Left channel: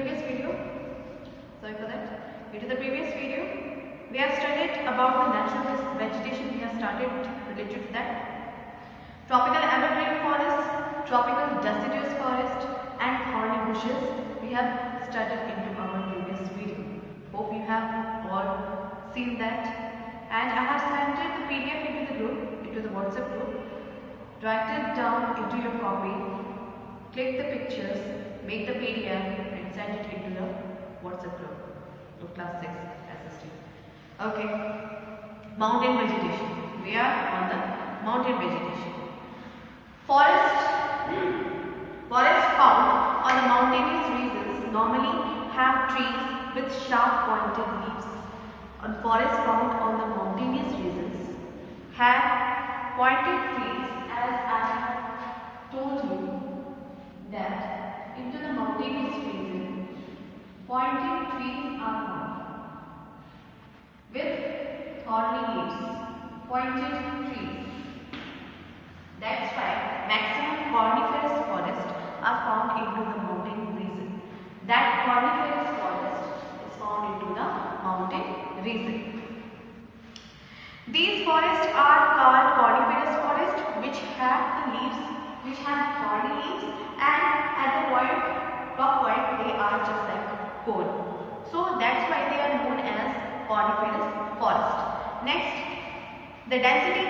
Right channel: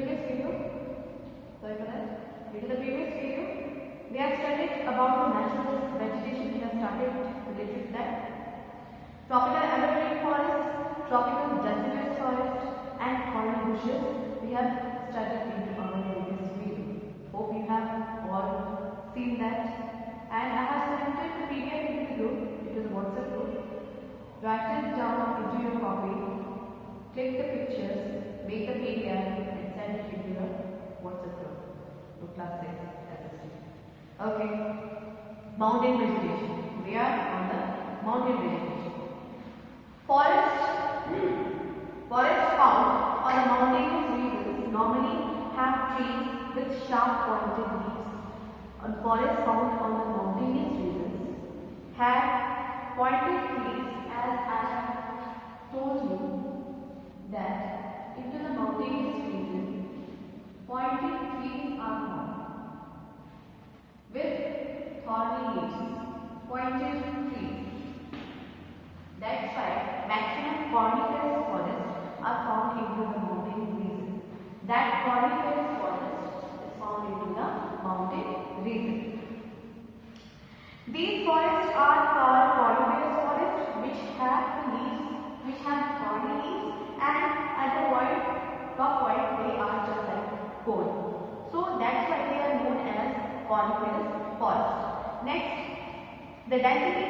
previous video, sorry for that, due to the previous video, we have studied about the natural vegetation. We have started related to that. Tropical evergreen forest, tropical deciduous forest and thorny bushes we have studied into our previous video. Hope you have all seen that. And I have sent it the PDF into the group, into the WhatsApp group. Write it down into your copy, click the pictures, make the PDF and send it into the WhatsApp group of class 6 SST. Okay, mountain vegetation. We are on the mountain vegetation. Forest found on the mountainous regions normally have trees with sharp pointed leaves. And forests found on the mountainous regions have pointed trees, as I told you that into the mountainous region pointed trees are found with thorny leaves. Pointed trees. That's why maximum coniferous forests are found into the mountain region. That coniferous forest is found into the mountain region. These forests are called coniferous forests, which have the leaves, which have thorny leaves, and at the top point they are just like cone. So that's why they are known as coniferous forest. Next, the density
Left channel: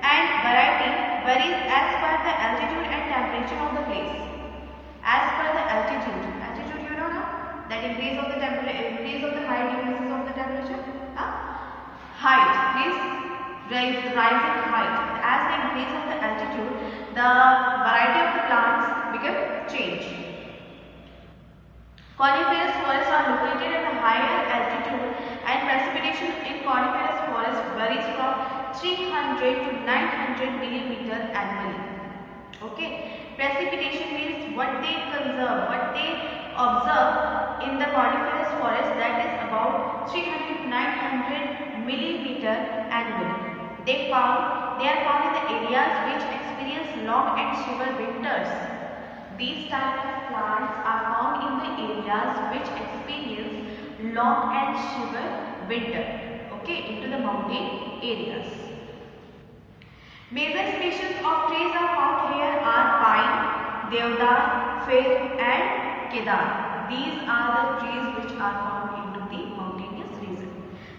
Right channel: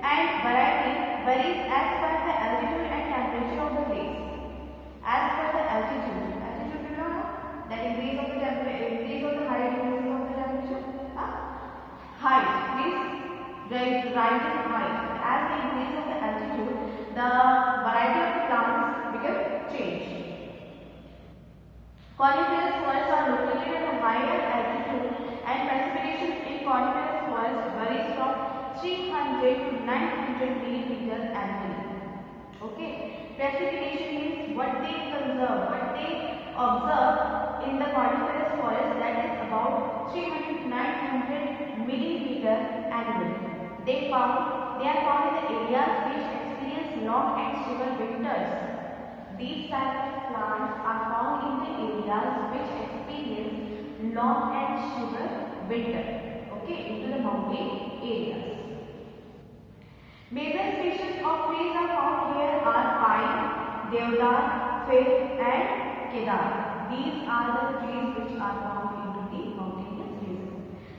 and variety varies as per the altitude and temperature of the place. As per the altitude you know now, that increase of the temperature, increase of the height, decreases of the temperature. Height, please rise in height. As the increase of the altitude, the variety of the plants become change. Coniferous forests are located at a higher altitude and precipitation in coniferous forests varies from 300 to 900 millimeter annually. Okay, precipitation means what they conserve, what they observe in the coniferous forest, that is about 300 to 900 millimeter annually. They are found in the areas which experience long and severe winters. These type of plants are found in the areas which experience long and severe winter. Okay, into the mountain areas. Major species of trees are found here are pine, deodar, fir and kedar. These are the trees which are found into the mountainous region.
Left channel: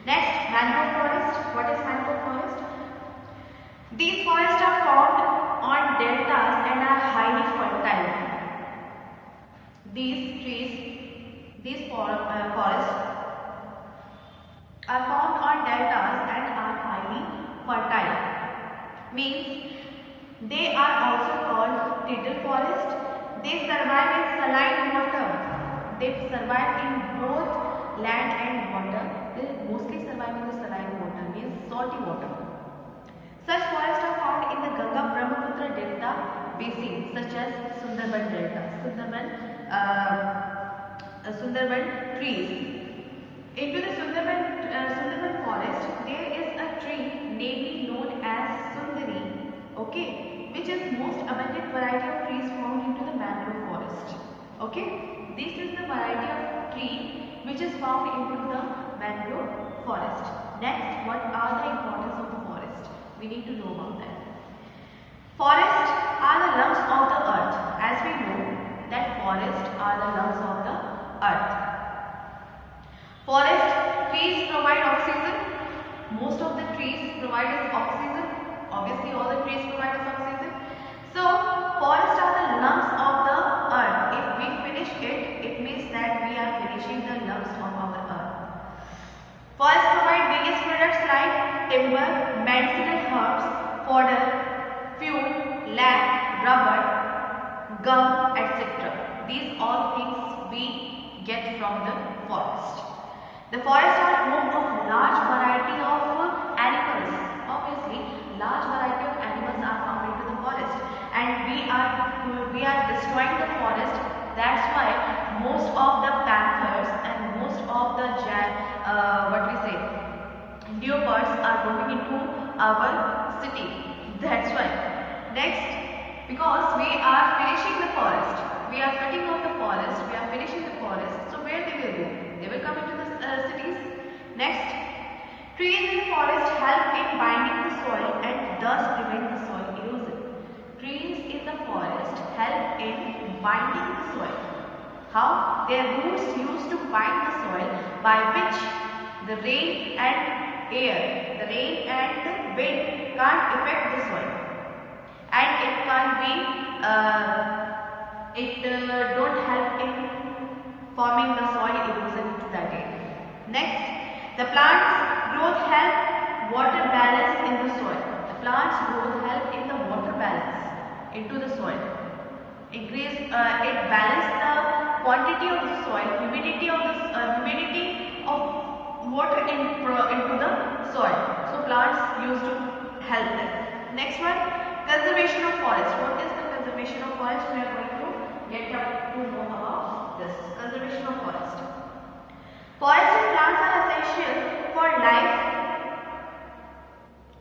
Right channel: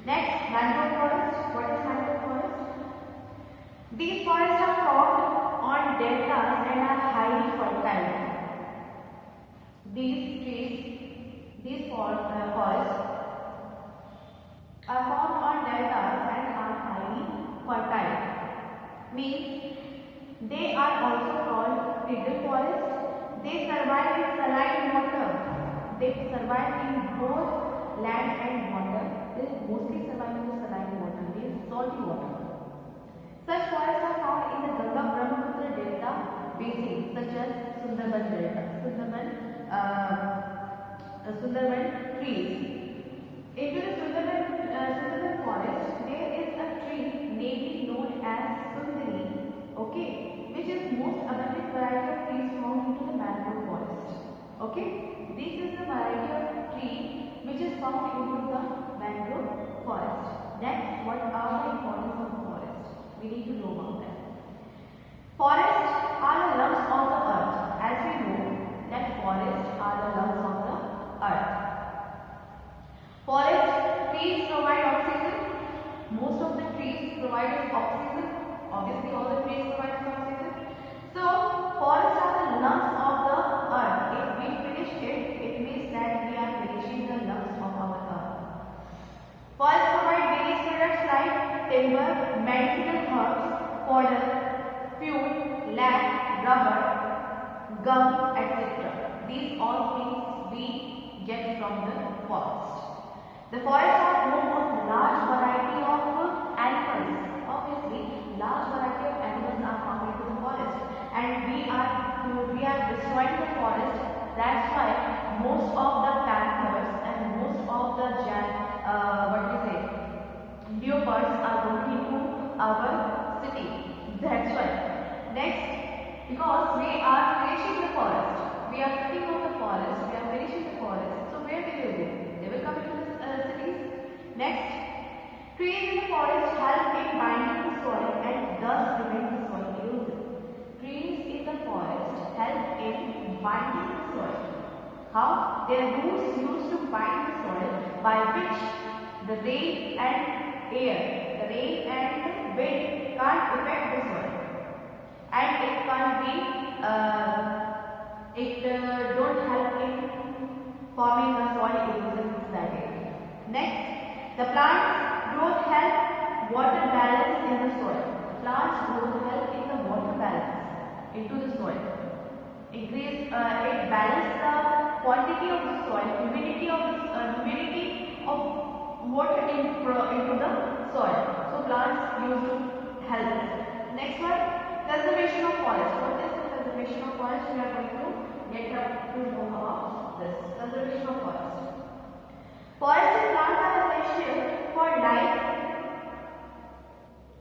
Next, mangrove forest. What is mangrove forest? These forests are found on deltas and are highly fertile. These forests are found on deltas and are highly fertile. Means they are also called tidal forest. They survive in saline water. They survive in both land and water. They mostly survive in the saline water, means salty water. Such forests are found in the Ganga Brahmaputra Delta basin, such as Sundarban Delta, Sundarban trees. Into the Sundarban forest, there is a tree namely known as Sundari, okay, which is most abundant variety of trees found into the mangrove forest. Okay, this is the variety of tree which is found into the mangrove forest. Next, what are the importance of the forest? We need to know about that. Forests are the lungs of the earth. As we know that forests are the lungs of the earth. Forest trees provide oxygen. Most of the trees provide us oxygen. Obviously, all the trees provide us oxygen. So, forests are the lungs of the earth. If we finish it, it means that we are finishing the lungs of our earth. Forests provide various products like timber, medicinal herbs, fodder, fuel, lac, rubber, gum, etc. These all things we get from the forest. The forests are home of large variety of animals. Obviously, large variety of animals are found into the forest, and we are destroying the forest. That's why most of the panthers and most of the leopards are roaming into our city. That's why. Next, Because we are finishing the forest. We are cutting off the forest. We are finishing the forest. So where they will go? They will come into the cities. Next, trees in the forest help in binding the soil and thus prevent the soil erosion. Trees in the forest help in binding the soil. How? Their roots used to bind the soil by which the rain and air, the rain and the wind can't affect the soil. And it can't be, don't help in forming the soil erosion to that area. Next, the plants growth help water balance in the soil. The plants growth help in the water balance into the soil. Increase, it balance the quantity of the soil, humidity of water into the soil. So plants used to help them. Next one, conservation of forest. What is the conservation of forest? We are going to get up to know about this. Conservation of forest. Forests and plants are essential for life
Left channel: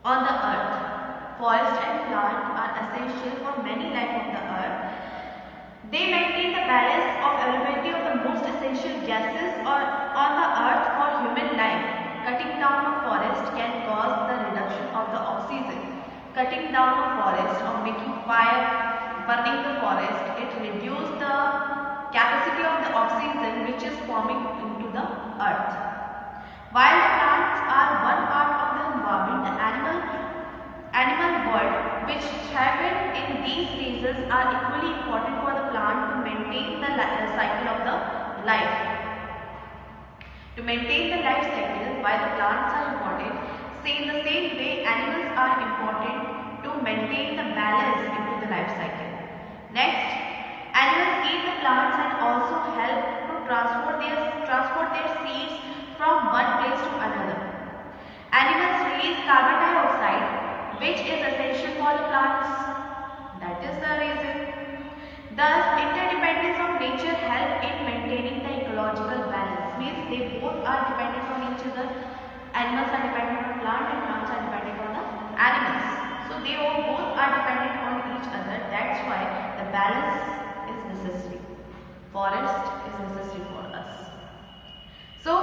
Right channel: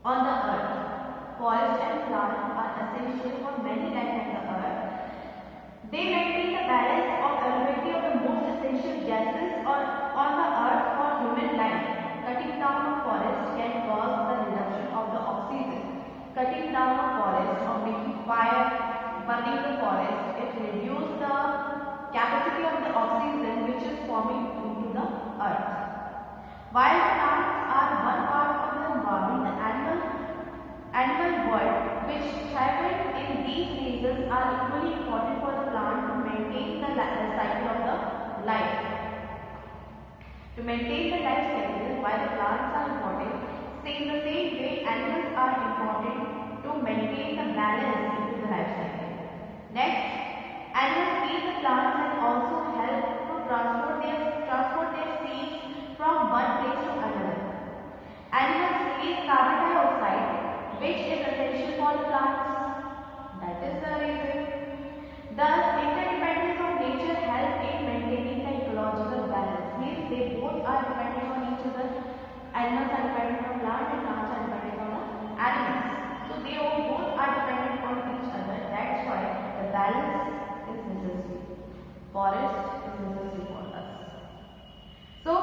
on the earth. Forests and plants are essential for many life on the earth. They maintain the balance of availability of the most essential gases on the earth for human life. Cutting down a forest can cause the reduction of the oxygen. Cutting down a forest or making fire, burning the forest, it reduces the capacity of the oxygen which is forming into the earth. While the plants are one part of the environment, the animal world which thrive in these phases are equally important for the plant to maintain the cycle of the life. To maintain the life cycle, why the plants are important, in the same way animals are important to maintain the balance into the life cycle. Next, animals eat the plants and also help to transport their seeds from one place to another. Animals release carbon dioxide which is essential for the plants. That is the reason. Thus, interdependence of nature help in maintaining the ecological balance. Means they both are dependent on each other. Animals are dependent on plants and plants are dependent on the animals. So they both are dependent on each other. That's why the balance is necessary. Forest is necessary for us. So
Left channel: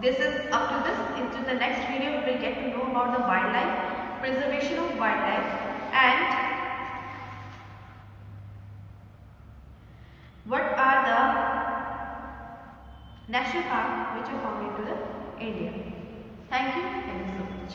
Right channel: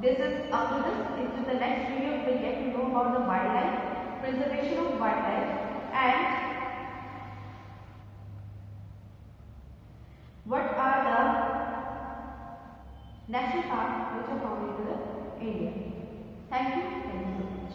this is up to this. Into the next video we will get to know about the wildlife, preservation of wildlife, and what are the national parks which are found into the India. Thank you so much.